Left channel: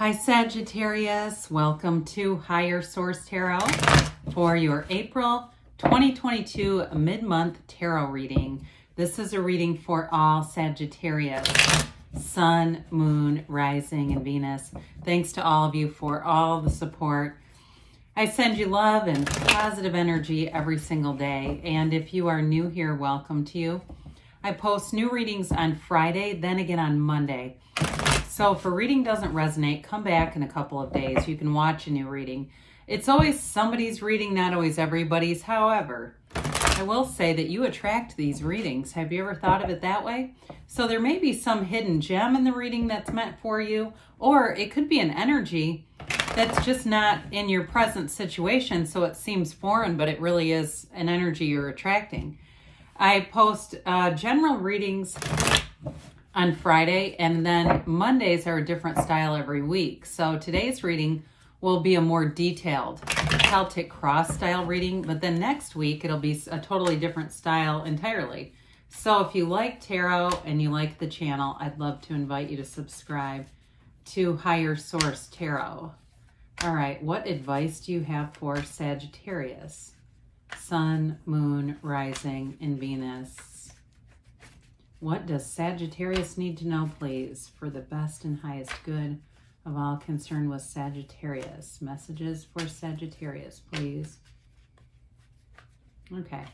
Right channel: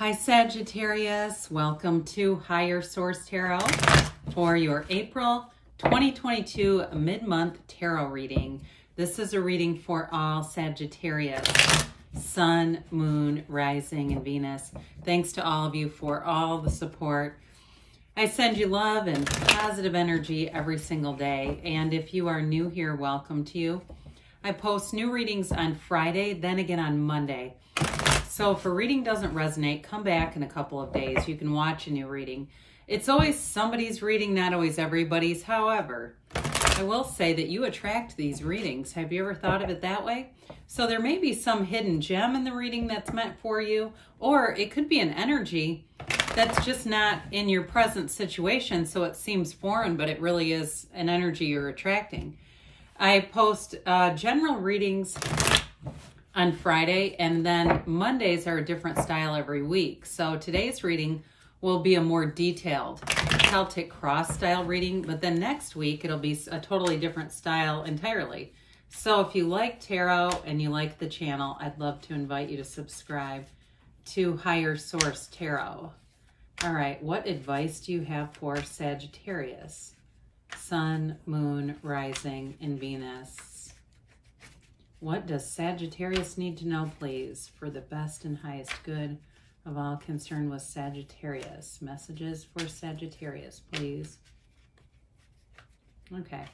Hi Sagittarius, welcome to Higher Source Tarot for your April 2022 mid-month tarot reading. This is a reading for all Sagittarius, Sun, Moon, Rising, and Venus. Thanks to all of you for all the support. I send you love and positive energy every single day. And if you are new here, welcome to you. I post new readings on Friday, then again on Monday. So if a reading doesn't resonate, come back in a couple of days. You can watch a new reading. It's always somebody's reading, not always everybody's. However, I will say that you attract these readings. Have you ever thought of it that way? So there may be some hidden gem in the reading that's meant for you, or it could be an energy that's just not in your present situation, so it seems foreign, but it really is an energy you're attracting. I post general readings on Friday, and then Mondays are a different style every week. So today's reading will be a more detailed Celtic cross style reading, but then next week it'll be a totally different style entirely. So if you like tarot and you like the channel, I'd love to invite you to subscribe to Higher Source Tarot. All right, what advice do you have for Sagittarius? Sun, Moon, Rising, and Venus. What does Sagittarius need to know, please, for the best and highest good of all concerned with Sagittarius? Messages for Sagittarius, please. Okay.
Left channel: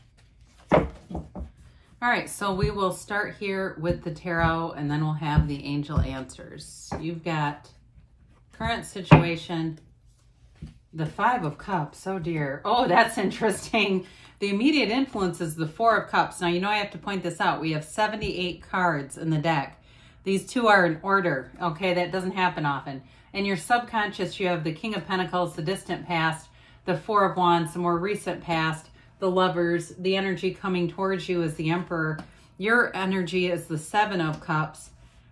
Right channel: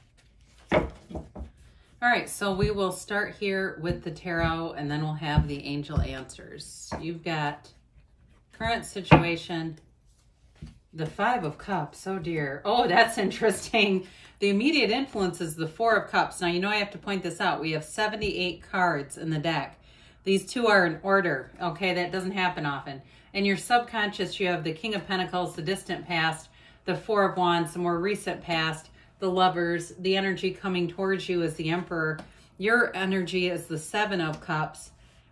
All right, so we will start here with the tarot, and then we'll have the angel answers. You've got current situation, the Five of Cups. Oh, dear. Oh, that's interesting. The immediate influence is the Four of Cups. Now, you know I have to point this out. We have 78 cards in the deck. These two are in order, okay? That doesn't happen often. In your subconscious, you have the King of Pentacles, the distant past, the Four of Wands, the more recent past, the Lovers. The energy coming towards you is the Emperor. Your energy is the Seven of Cups.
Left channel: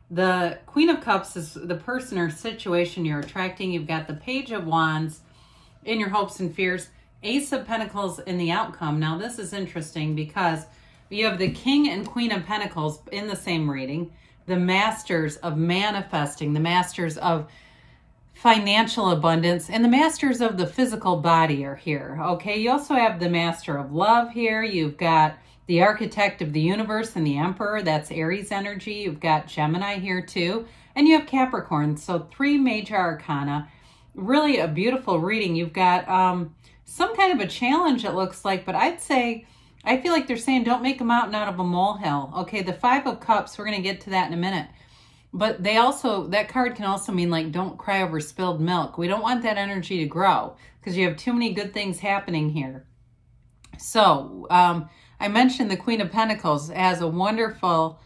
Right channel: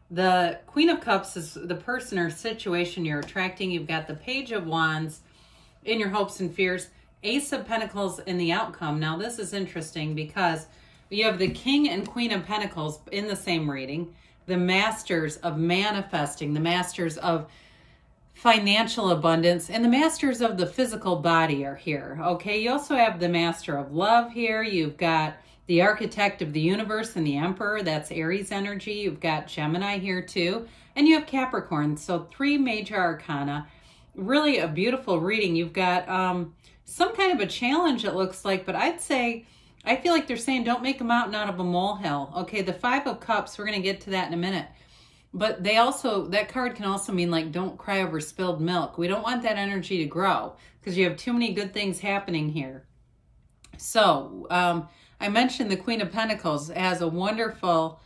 The Queen of Cups is the person or situation you're attracting. You've got the Page of Wands in your hopes and fears. Ace of Pentacles in the outcome. Now, this is interesting because you have the King and Queen of Pentacles in the same reading. The Masters of Manifesting, the Masters of Financial Abundance, and the Masters of the Physical Body are here, okay? You also have the Master of Love here. You've got the Architect of the Universe and the Emperor. That's Aries energy. You've got Gemini here too. And you have Capricorn. So 3 major arcana. Really a beautiful reading. You've got some kind of a challenge, it looks like, but I'd say, I feel like they're saying don't make a mountain out of a molehill. Okay, the Five of Cups, we're going to get to that in a minute. But they also, that card can also mean like don't cry over spilled milk. We don't want that energy to grow because you have too many good things happening here. So, I mentioned the Queen of Pentacles as a wonderful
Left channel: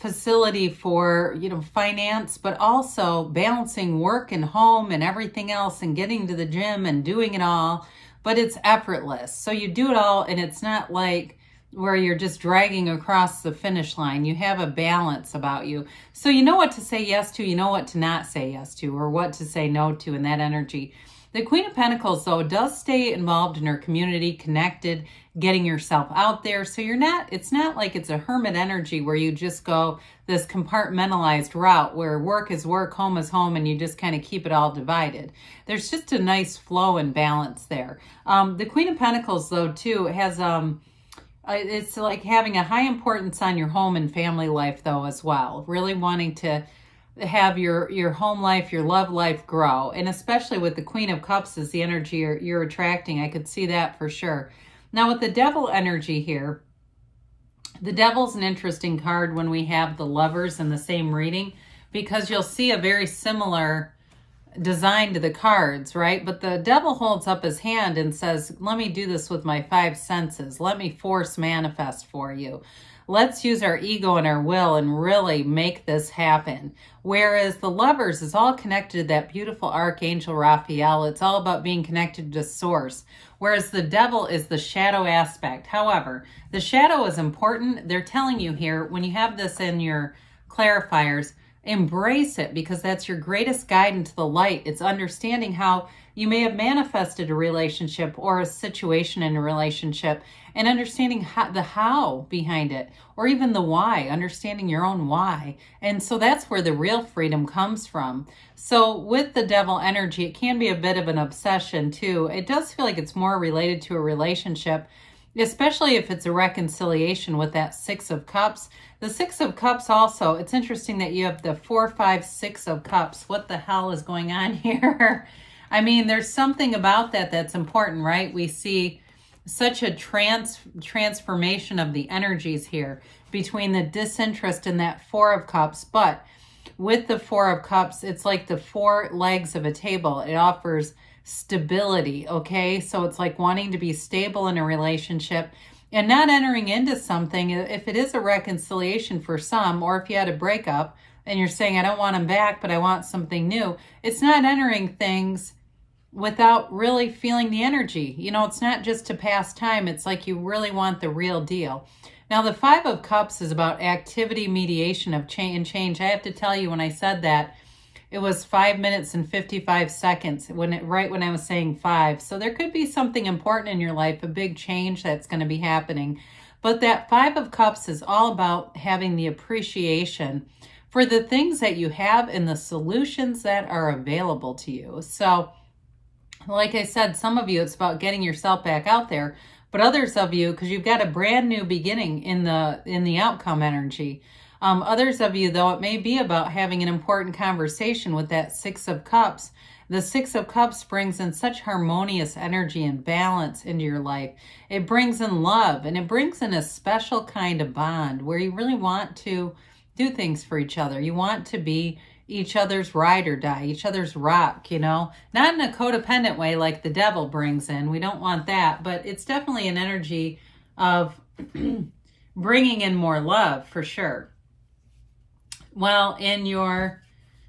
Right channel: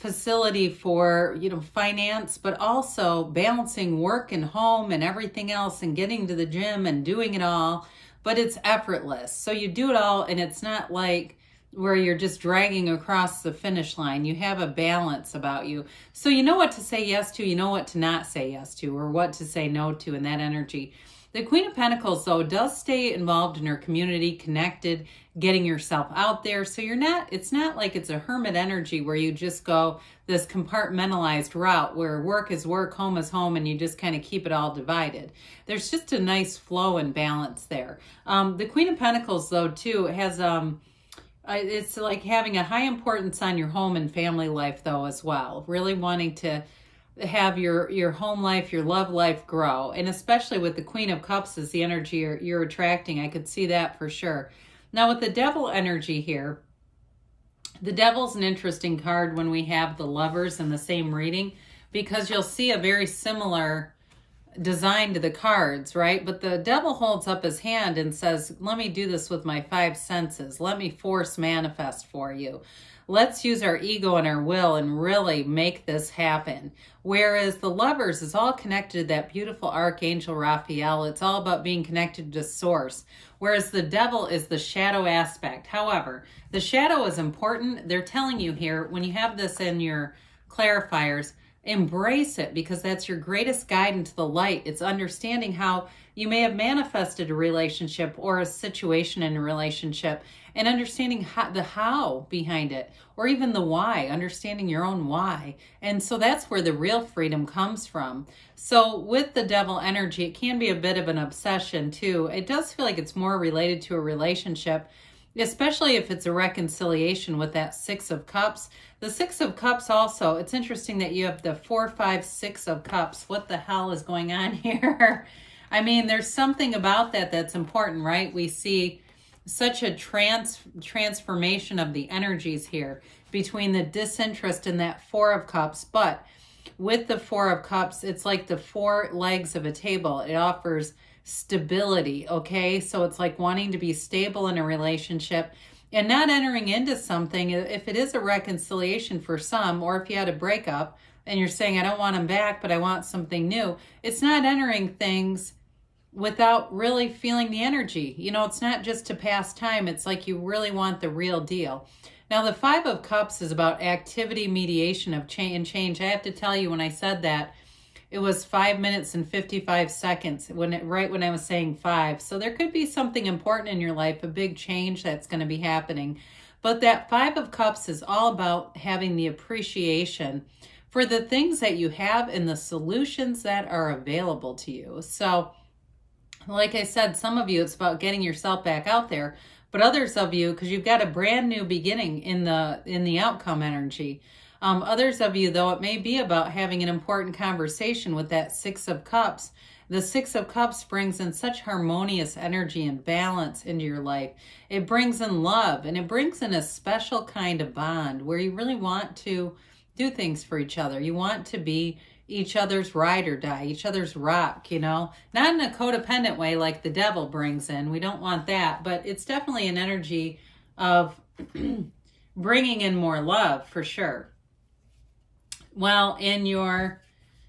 facility for, finance, but also balancing work and home and everything else and getting to the gym and doing it all, but it's effortless. So you do it all and it's not like where you're just dragging across the finish line. You have a balance about you. So you know what to say yes to, you know what to not say yes to, or what to say no to in that energy. The Queen of Pentacles, though, does stay involved in her community, connected, getting yourself out there. So it's not like it's a hermit energy where you just go this compartmentalized route where work is work, home is home, and you just kind of keep it all divided. There's just a nice flow and balance there. The Queen of Pentacles, though, too, has, it's like having a high importance on your home and family life, though, as well. Really wanting to have your home life, your love life grow. And especially with the Queen of Cups is the energy you're attracting. I could see that for sure. Now with the Devil energy here, the Devil's an interesting card when we have the Lovers in the same reading because you'll see a very similar design to the cards, right? But the Devil holds up his hand and says, let me do this with my 5 senses. Let me force manifest for you. Let's use our ego and our will and really make this happen. Whereas the Lovers is all connected to that beautiful Archangel Raphael. It's all about being connected to Source. Whereas the Devil is the shadow aspect. However, the shadow is important. They're telling you here, when you have this in your clarifiers, embrace it, because that's your greatest guide into the light. It's understanding how you may have manifested a relationship or a situation in a relationship, and understanding the how behind it, or even the why, understanding your own why. And so that's where the real freedom comes from. So with the devil energy, it can be a bit of an obsession too. It does feel like it's more related to a relationship, especially if it's a reconciliation with that Six of Cups. The Six of Cups also, it's interesting that you have the 4, 5, 6 of Cups. What the hell is going on here? I mean, there's something about that that's important, right? We see such a transformation of the energies here between the disinterest and that Four of Cups. But with the Four of Cups, it's like the four legs of a table. It offers stability, okay? So it's like wanting to be stable in a relationship and not entering into something. If it is a reconciliation for some, or if you had a breakup and you're saying, I don't want him back, but I want something new, it's not entering things without really feeling the energy. You know, it's not just to pass time. It's like you really want the real deal. Now, the Five of Cups is about activity, mediation of change. I have to tell you, when I said that, it was 5 minutes and 55 seconds right when I was saying 5. So there could be something important in your life, a big change that's going to be happening. But that Five of Cups is all about having the appreciation for the things that you have and the solutions that are available to you. So like I said, some of you, it's about getting yourself back out there, but others of you, because you've got a brand new beginning in the outcome energy. Others of you, though, it may be about having an important conversation with that Six of Cups. The Six of Cups brings in such harmonious energy and balance into your life. It brings in love, and it brings in a special kind of bond where you really want to do things for each other. You want to be each other's ride or die, each other's rock, you know, not in a codependent way like the devil brings in. We don't want that, but it's definitely an energy of bringing in more love for sure. Well, in your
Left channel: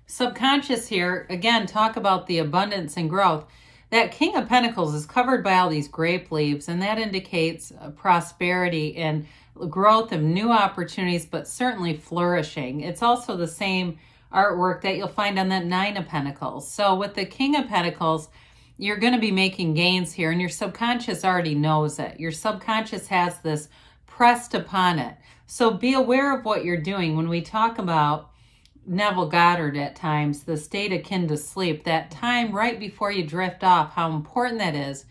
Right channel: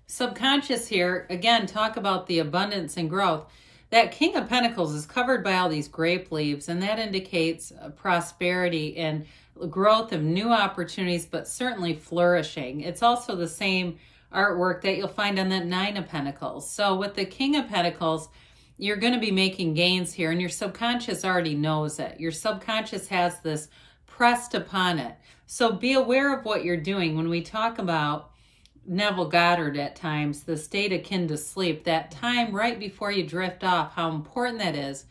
subconscious here, again, talk about the abundance and growth. That King of Pentacles is covered by all these grape leaves, and that indicates prosperity and growth of new opportunities, but certainly flourishing. It's also the same artwork that you'll find on that Nine of Pentacles. So with the King of Pentacles, you're going to be making gains here, and your subconscious already knows it. Your subconscious has this pressed upon it. So be aware of what you're doing. When we talk about Neville Goddard at times, the state akin to sleep, that time right before you drift off, how important that is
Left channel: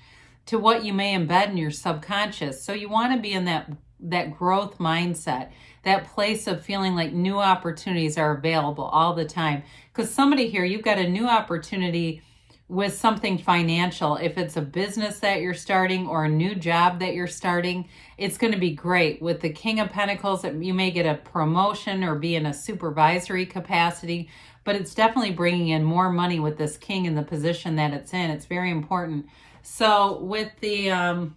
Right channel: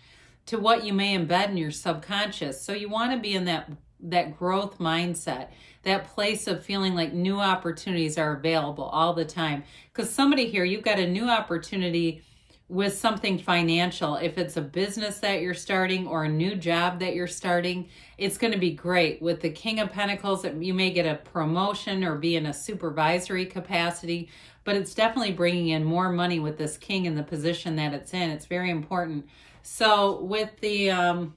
to what you may embed in your subconscious. So you want to be in that growth mindset, that place of feeling like new opportunities are available all the time. Because somebody here, you've got a new opportunity with something financial. If it's a business that you're starting or a new job that you're starting, it's going to be great. With the King of Pentacles, you may get a promotion or be in a supervisory capacity, but it's definitely bringing in more money with this King in the position that it's in. It's very important. So with the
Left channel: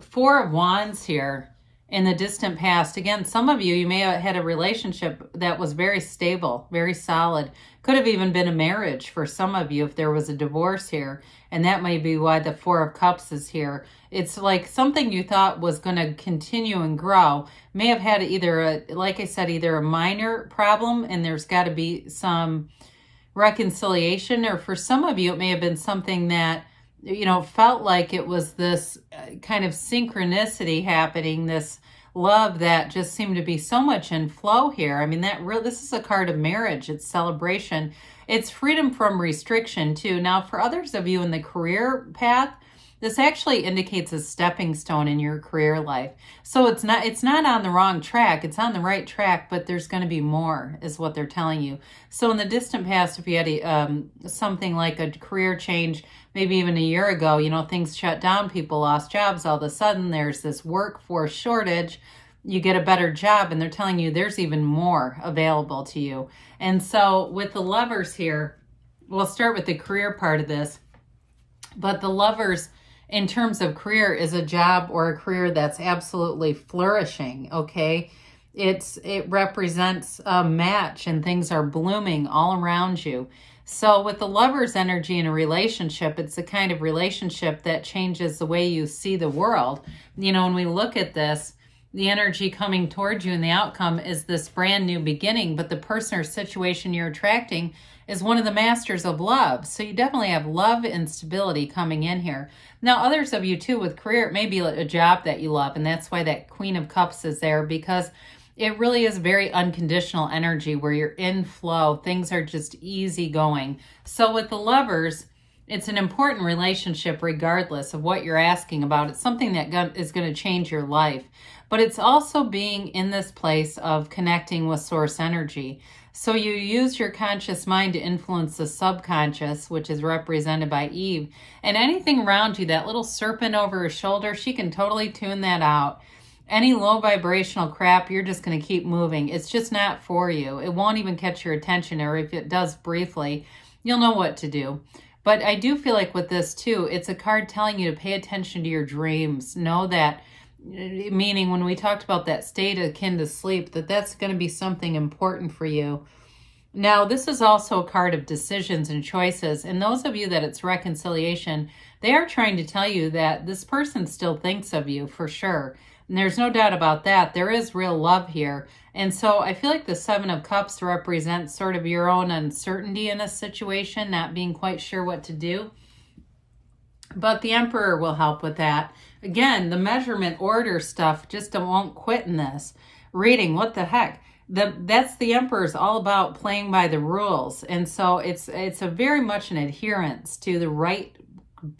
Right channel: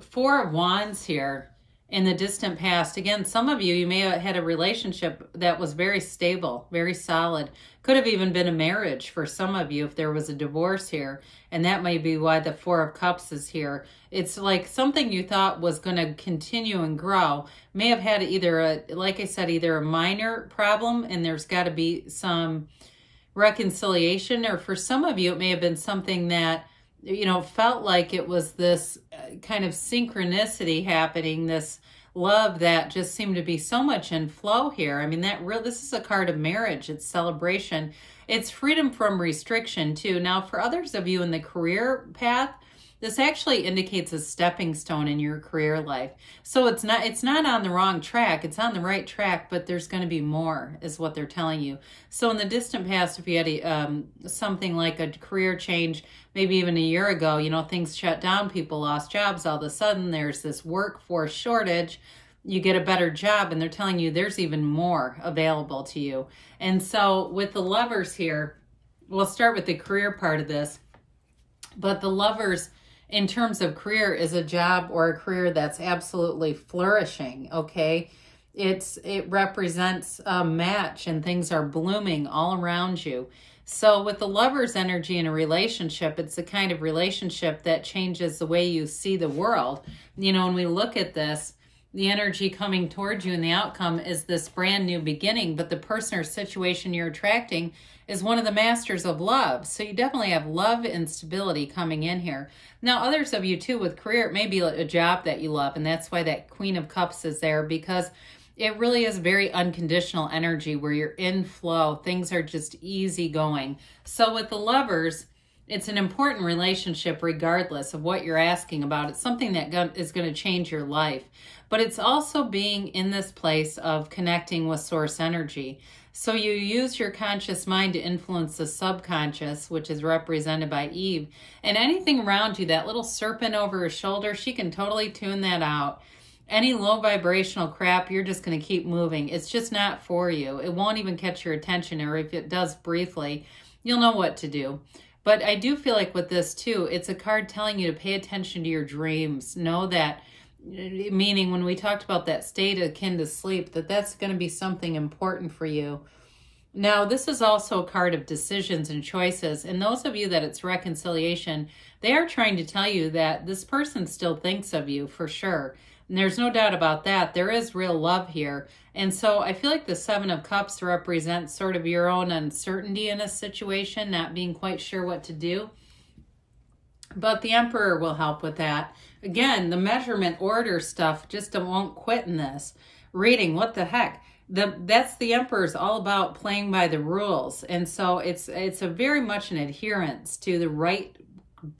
Four of Wands here, in the distant past, again, some of you may have had a relationship that was very stable, very solid. Could have even been a marriage for some of you if there was a divorce here. And that may be why the Four of Cups is here. It's like something you thought was going to continue and grow. May have had either, like I said, either a minor problem and there's got to be some reconciliation. Or for some of you, it may have been something that, you know, felt like it was this kind of synchronicity happening, this love that just seemed to be so much in flow here. I mean, this is a card of marriage. It's celebration. It's freedom from restriction too. Now, for others of you in the career path, this actually indicates a stepping stone in your career life. So it's not on the wrong track. It's on the right track, but there's going to be more is what they're telling you. So in the distant past, if you had something like a career change, maybe even a year ago, you know, things shut down, people lost jobs. All of a sudden, there's this workforce shortage. You get a better job, and they're telling you there's even more available to you. And so with the Lovers here, we'll start with the career part of this. But the Lovers, in terms of career, is a job or a career that's absolutely flourishing, okay? It represents a match, and things are blooming all around you. So with the Lover's energy in a relationship, it's the kind of relationship that changes the way you see the world. You know, when we look at this, the energy coming towards you and the outcome is this brand new beginning, but the person or situation you're attracting is one of the masters of love. So you definitely have love and stability coming in here. Now, others of you too with career, it may be a job that you love, and that's why that Queen of Cups is there, because it really is very unconditional energy where you're in flow. Things are just easy going. So with the Lovers, it's an important relationship regardless of what you're asking about. It's something that is going to change your life. But it's also being in this place of connecting with source energy. So you use your conscious mind to influence the subconscious, which is represented by Eve. And anything around you, that little serpent over her shoulder, she can totally tune that out. Any low vibrational crap, you're just going to keep moving. It's just not for you. It won't even catch your attention, or if it does briefly, you'll know what to do. But I do feel like with this too, it's a card telling you to pay attention to your dreams. Know that, meaning when we talked about that state akin to sleep, that's going to be something important for you. Now, this is also a card of decisions and choices. And those of you that it's reconciliation, they are trying to tell you that this person still thinks of you for sure. And there's no doubt about that. There is real love here. And so I feel like the Seven of Cups represents sort of your own uncertainty in a situation, not being quite sure what to do. But the Emperor will help with that. Again, the measurement order stuff just won't quit in this reading. What the heck? That's the Emperor's all about playing by the rules. And so it's a very much an adherence to the right,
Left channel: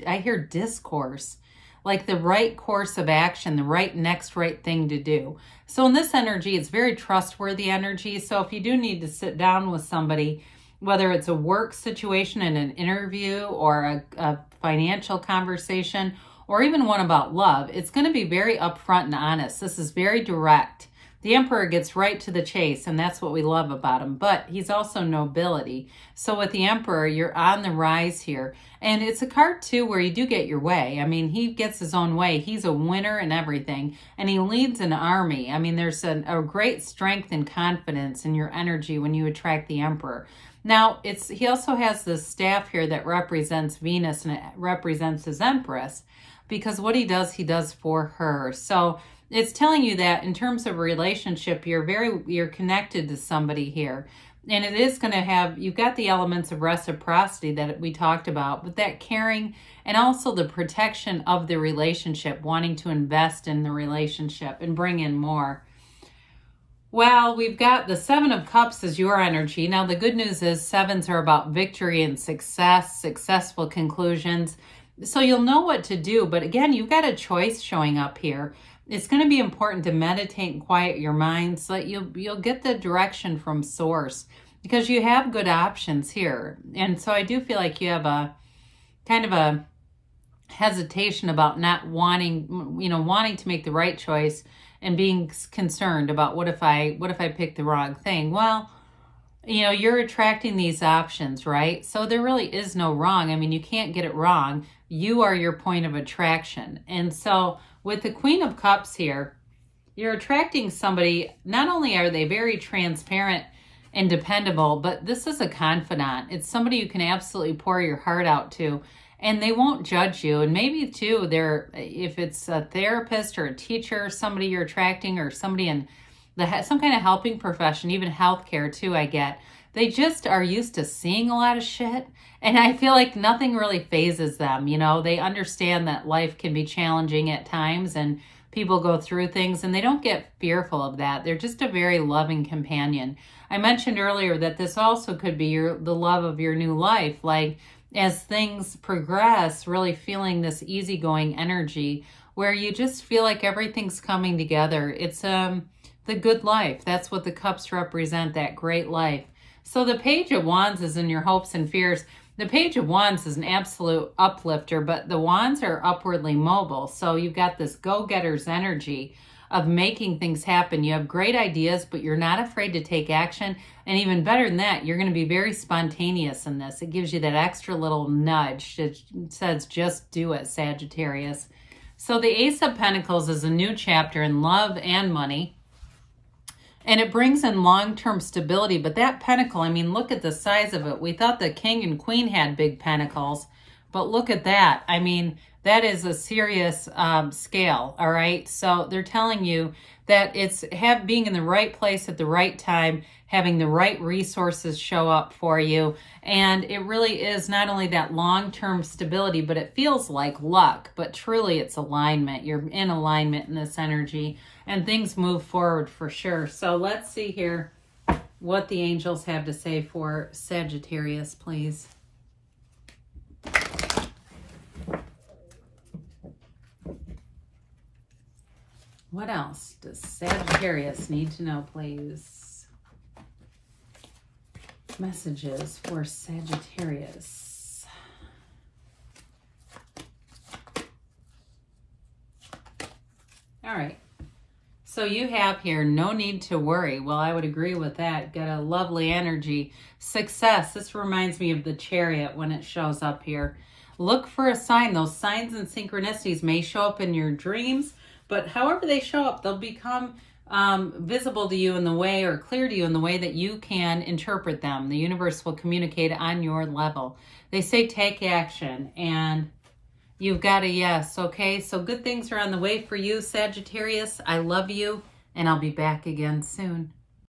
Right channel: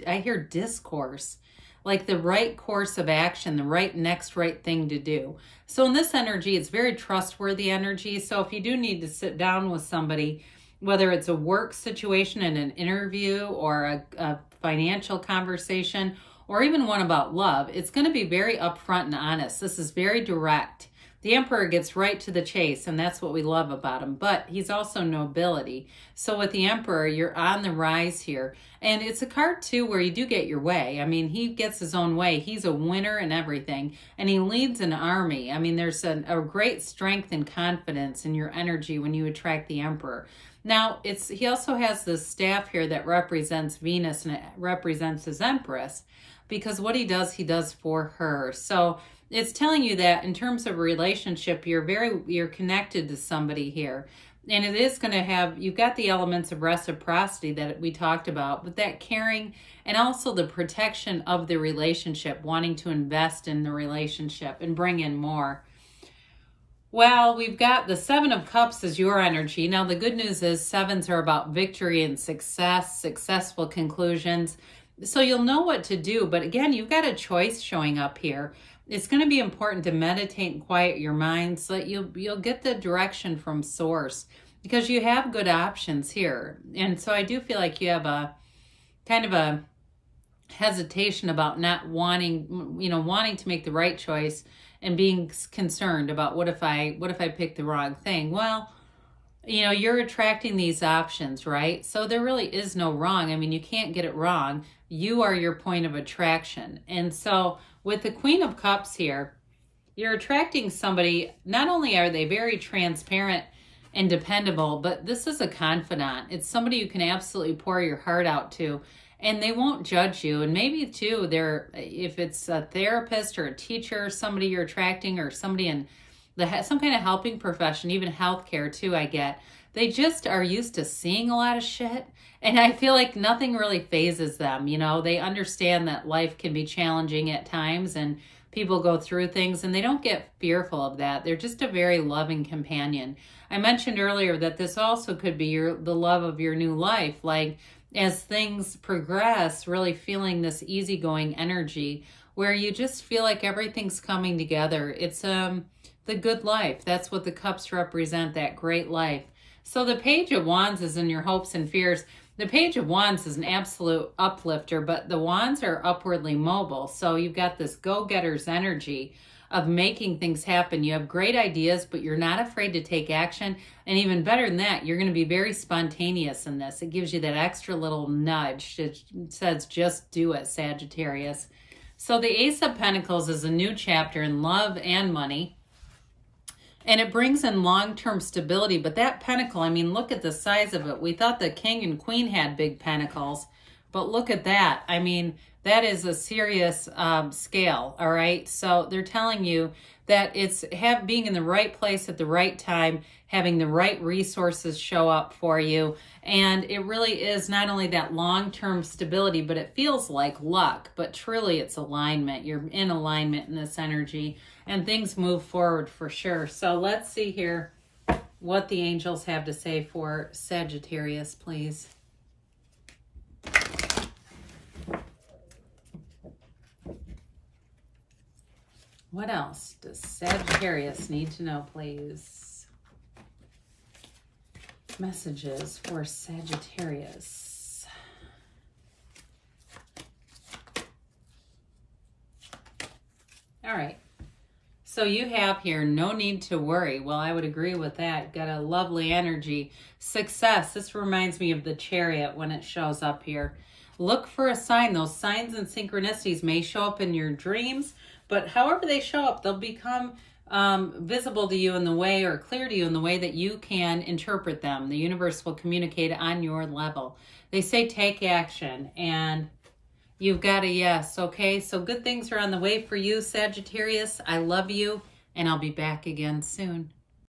I hear discourse, like the right course of action, the next right thing to do. So in this energy, it's very trustworthy energy. So if you do need to sit down with somebody, whether it's a work situation in an interview or a financial conversation, or even one about love, it's going to be very upfront and honest. This is very direct. The Emperor gets right to the chase, and that's what we love about him. But he's also nobility. So with the Emperor, you're on the rise here. And it's a card, too, where you do get your way. I mean, he gets his own way. He's a winner and everything. And he leads an army. I mean, there's a great strength and confidence in your energy when you attract the Emperor. Now, he also has this staff here that represents Venus, and it represents his Empress. Because what he does for her. So it's telling you that in terms of a relationship, you're connected to somebody here. And it is going to have, you've got the elements of reciprocity that we talked about, but that caring and also the protection of the relationship, wanting to invest in the relationship and bring in more. Well, we've got the Seven of Cups as your energy. Now, the good news is sevens are about victory and success, successful conclusions. So you'll know what to do. But again, you've got a choice showing up here. It's going to be important to meditate and quiet your mind so that you'll get the direction from source, because you have good options here. And so I do feel like you have a kind of a hesitation about not wanting to make the right choice and being concerned about what if I pick the wrong thing. Well, you're attracting these options, right? So there really is no wrong. I mean, you can't get it wrong. You are your point of attraction. And so with the Queen of Cups here, you're attracting somebody, not only are they very transparent and dependable, but this is a confidant. It's somebody you can absolutely pour your heart out to, and they won't judge you. And maybe too, if it's a therapist or a teacher, somebody you're attracting, or somebody in some kind of helping profession, even healthcare too, I get. They just are used to seeing a lot of shit. And I feel like nothing really phases them. They understand that life can be challenging at times and people go through things, and they don't get fearful of that. They're just a very loving companion. I mentioned earlier that this also could be the love of your new life. Like as things progress, really feeling this easygoing energy where you just feel like everything's coming together. It's the good life. That's what the cups represent, that great life. So the Page of Wands is in your hopes and fears. The Page of Wands is an absolute uplifter, but the Wands are upwardly mobile. So you've got this go-getter's energy of making things happen. You have great ideas, but you're not afraid to take action. And even better than that, you're going to be very spontaneous in this. It gives you that extra little nudge. It says, just do it, Sagittarius. So the Ace of Pentacles is a new chapter in love and money. And it brings in long-term stability. But that pentacle, I mean, look at the size of it. We thought the king and queen had big pentacles. But look at that. I mean, that is a serious scale, all right? So they're telling you that it's being in the right place at the right time, having the right resources show up for you. And it really is not only that long-term stability, but it feels like luck, but truly it's alignment. You're in alignment in this energy, and things move forward for sure. So let's see here what the angels have to say for Sagittarius, please. What else does Sagittarius need to know, please? Messages for Sagittarius. All right. So you have here, no need to worry. Well, I would agree with that. Got a lovely energy. Success. This reminds me of the Chariot when it shows up here. Look for a sign. Those signs and synchronicities may show up in your dreams, but however they show up, they'll become visible to you in the way, or clear to you in the way that you can interpret them. The universe will communicate on your level. They say take action, and you've got a yes, okay? So good things are on the way for you, Sagittarius. I love you, and I'll be back again soon.